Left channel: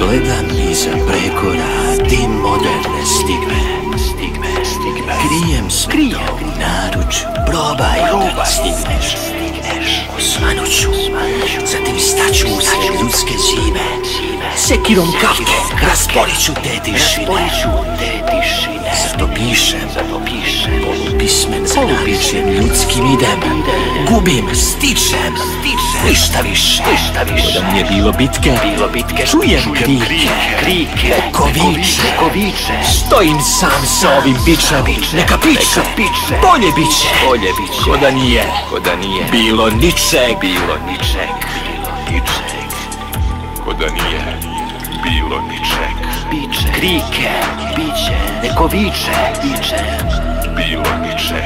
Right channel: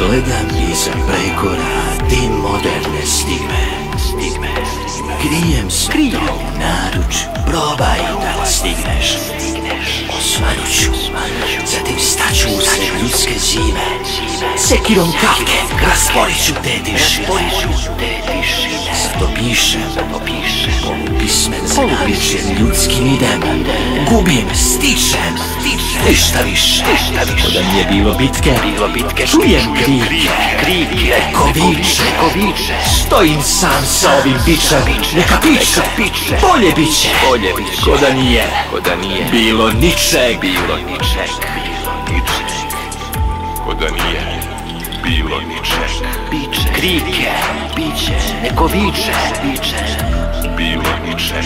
Gledam iza prekora dim moderne stigme. Krijem se to u naručju, probaj da stigneš. Osvanuću, zatim staću usred ljudske zime. Sekirom kapke rasporiću te tišine. Zato pišem, polupismen za naličjem ljudskim idem. Gubim, stičem, ništa više. Ko da nije bilo bitke, čujem krike. Neko viče, stojim sam sa ovim bičem. Neka piče, bolje biće. Ko da nije bilo ničeg. Krike, biće, neko viče, bilo ničeg.